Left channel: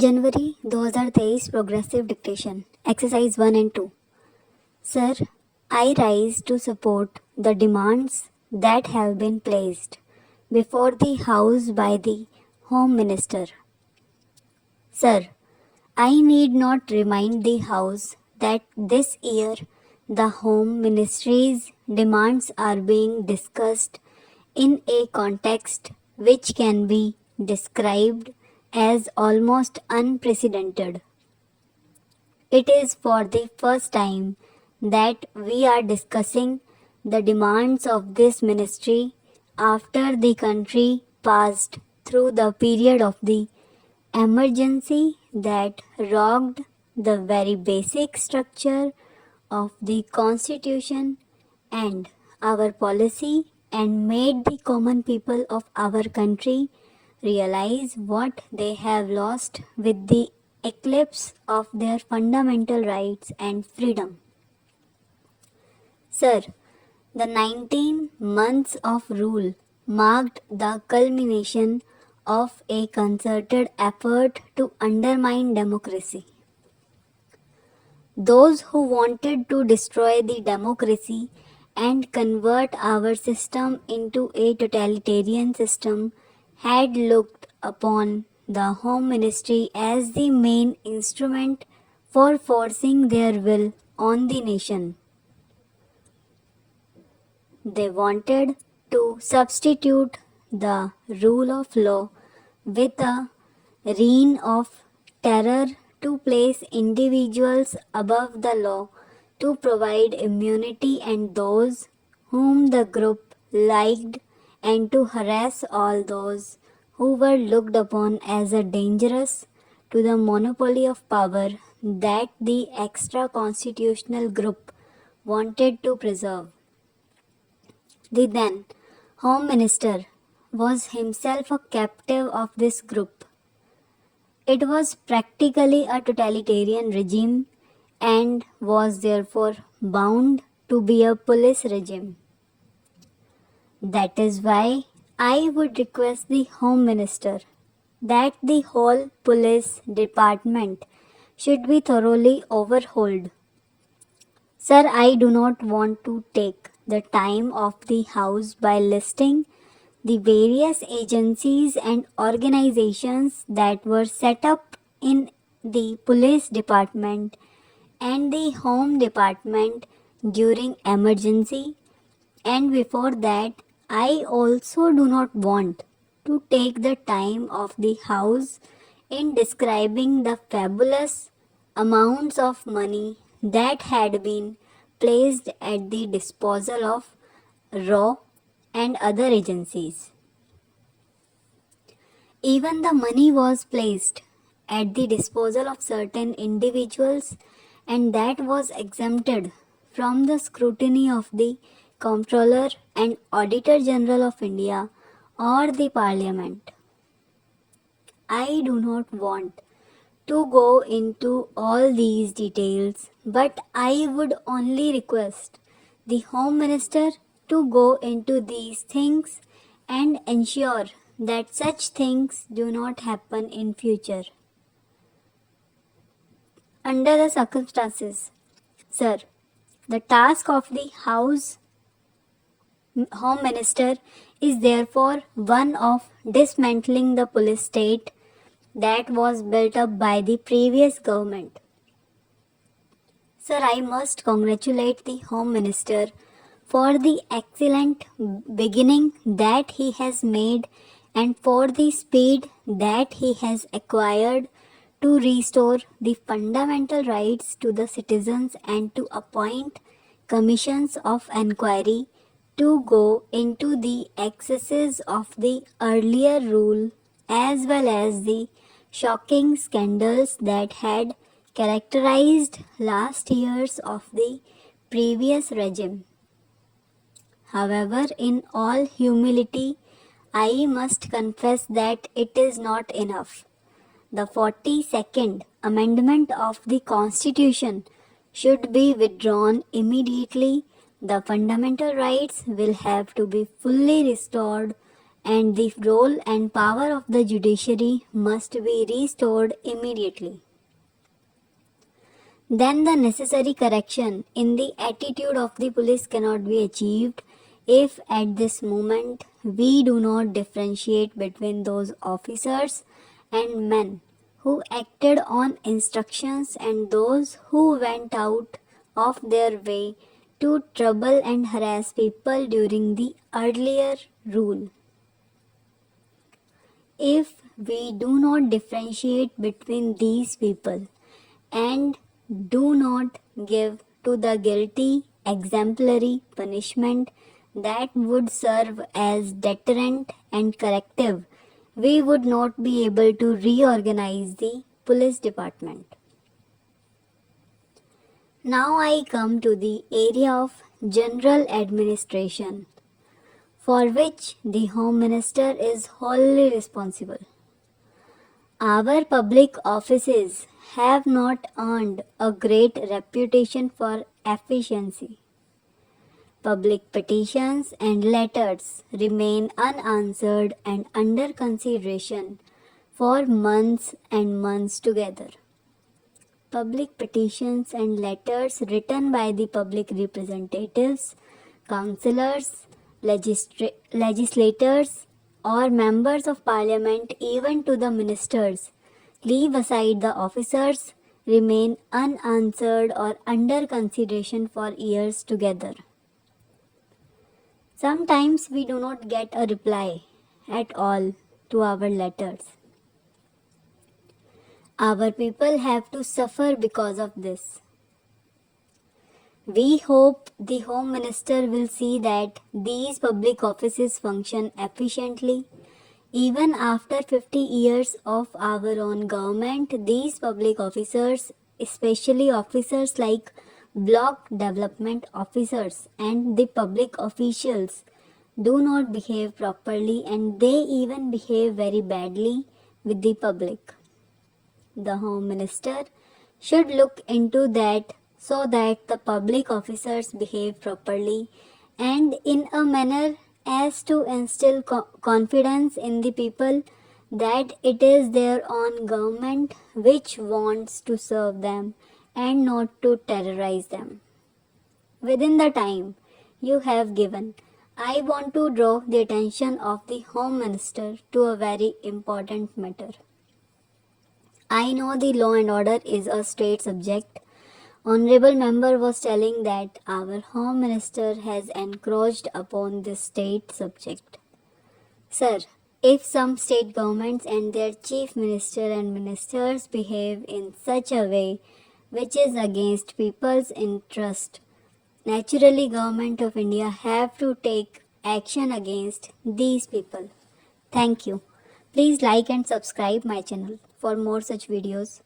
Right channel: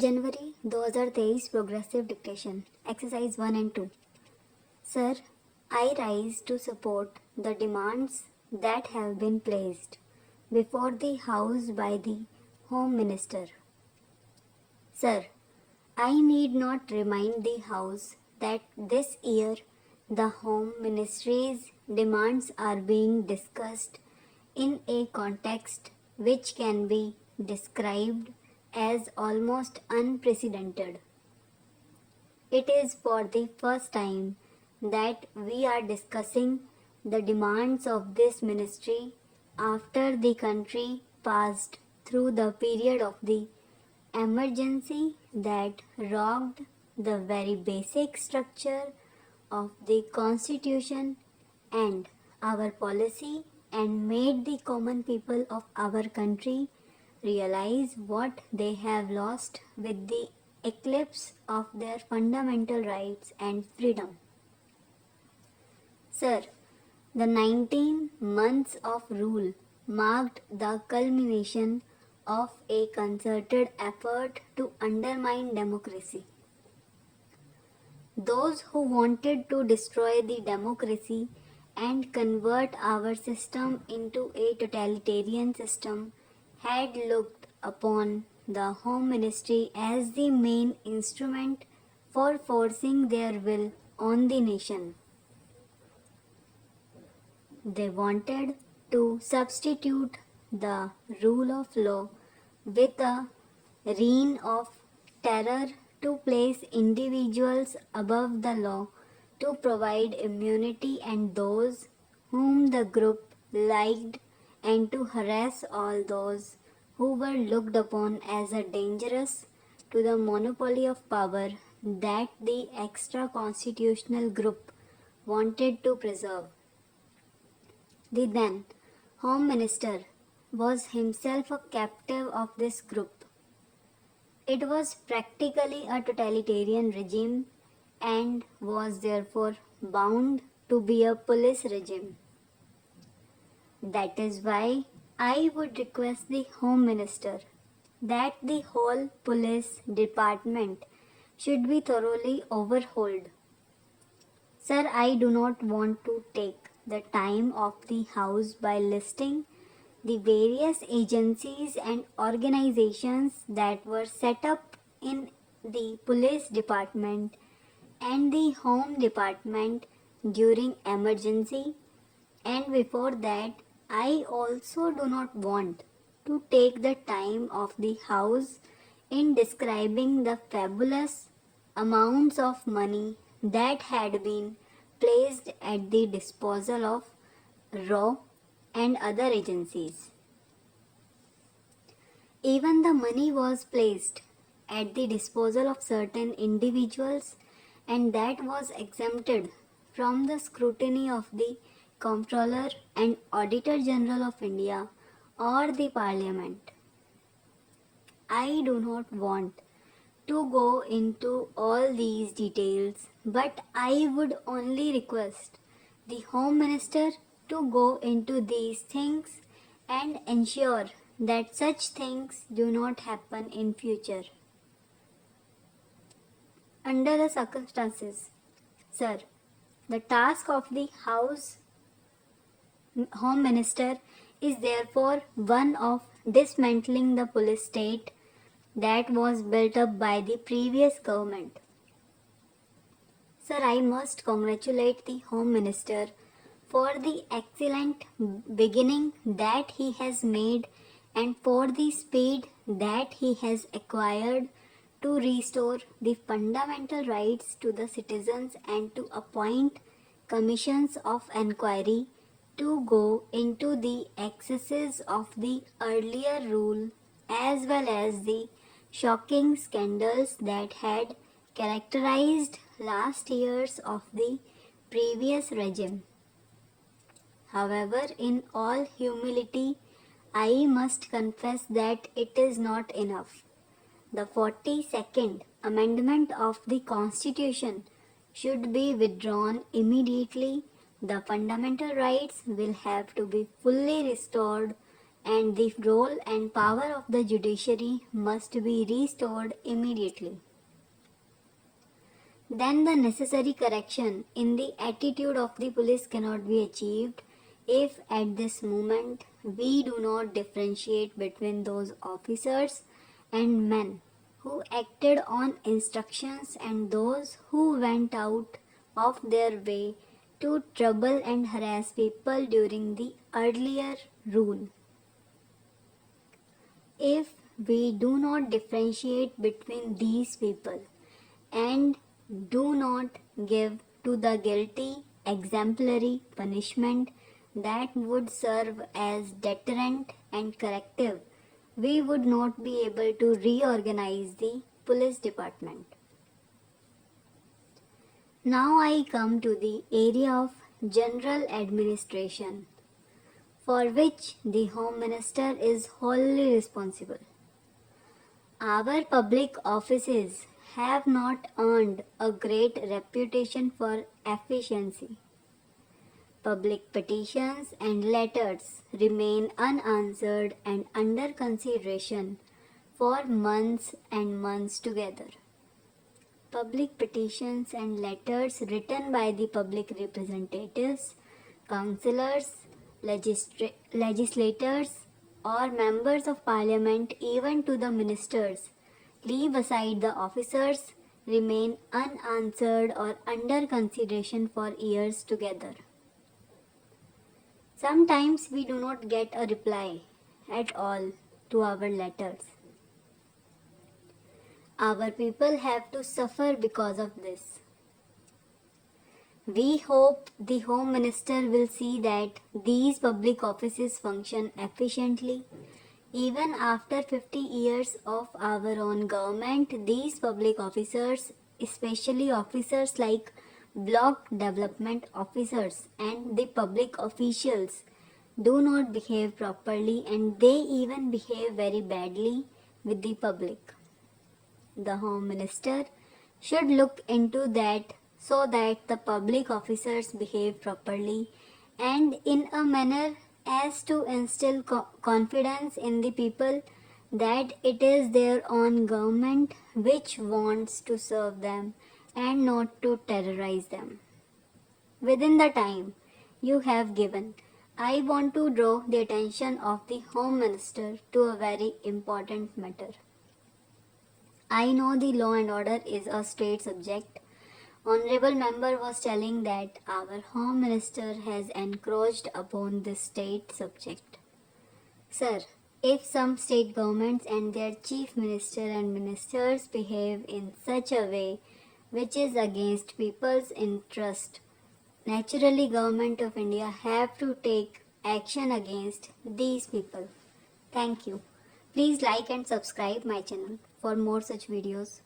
January 2023 progressive dictation exercise 1 and 2. Sir, I rise to support the demands that have been placed before the House by the Home Minister. Sir, I need not remind the House that this year the Home Ministry's demands are being discussed in a context which can be described as almost unprecedented. It is for the first time that we are discussing the demands of this ministry after the country passed through the period of the emergency that rocked the very basic structure of the constitution and our policy and made the common people of our country realize what they have lost with the eclipse of their fundamental rights and freedom. Sir, the 19 months of rule marked the culmination of a concerted effort to undermine democracy. Those who wanted to destroy the democracy and convert our system into a totalitarian system had looked upon the Home Ministry as the main instrument for forcing their will on the nation. They wanted to substitute the rule of law with a reign of terror to place individuals above the law, to provide immunity and those whom the group liked, and to harass all those who were looked upon as a dangerous to the monopoly of power that the extra constitutional group wanted to preserve. The then Home Minister was himself a captive of this group. It was practically a totalitarian regime and was therefore bound to be a police regime. That is why I would request the Home Minister that the whole police department should be thoroughly overhauled. Sir, I do not want to take the time of the House by listing the various agencies and organizations that were set up in the police department and the home department during emergency, and before that I also do not want to take the time of the House in describing the fabulous amounts of money that had been placed at the disposal of RAW and other agencies. Even the money was placed at the disposal of certain individuals, and that was exempted from the scrutiny of the Comptroller and Auditor General of India or the Parliament. I do not want to go into all these details, but I would only request the Home Minister to go into these things and ensure that such things do not happen in future. Under the circumstances, sir, the task of the Home Minister is therefore one of dismantling the police state that was built up by the previous government. Sir, I must congratulate the Home Minister for the excellent beginning that he has made and for the speed that he has acquired to restore the fundamental rights to the citizens and to appoint commissions of inquiry to go into the excesses of the earlier rule as well as the shocking scandals that had characterized last years of the previous regime. However, in all humility, I must confess that it is not enough. The 42nd Amendment of the Constitution should be withdrawn immediately. The fundamental rights will have to be fully restored and the role and power of the judiciary must be restored immediately. Then the necessary correction in the attitude of the police cannot be achieved if at this moment we do not differentiate between those officers and men who acted on instructions and those who went out of their way to trouble and harass people during the earlier rule. If we do not differentiate between these people and do not give to the guilty exemplary punishment that would serve as deterrent and corrective, we would not be able to reorganize the police department. Now I come to the area of general administration, for which the Home Minister is wholly responsible. Our public offices have not earned a great reputation for efficiency. Public petitions and letters remain unanswered and under consideration for months and months together. Public petitions and letters written by the public representatives, councillors, legislators, or members of parliament, even to the ministers, leave aside the officers, remain unanswered or under consideration for years together. Sometimes we do not get a reply at all to our letters. Our people have to suffer because of this. We hope the Home Minister will see that these public offices function efficiently. Even after 50 years of our own government, these public officers, especially officers like block development officers and the public officials, do not behave properly and they even behave very badly with the public. The Home Minister should look into that so that the public officers behave properly and in a manner as to instill confidence in the people that it is their own government which wants to serve them and not to terrorize them. Within the time you have given, I want to draw the attention of the Home Minister to a very important matter. I know the law and order is a state subject. Honorable member was telling that our Home Minister has encroached upon this state subject. Sir, if some state governments and their chief minister and ministers behave in such a way which is against people's interest, naturally Government of India have to take action against these people. Thank you. Please like and subscribe my channel for more such videos.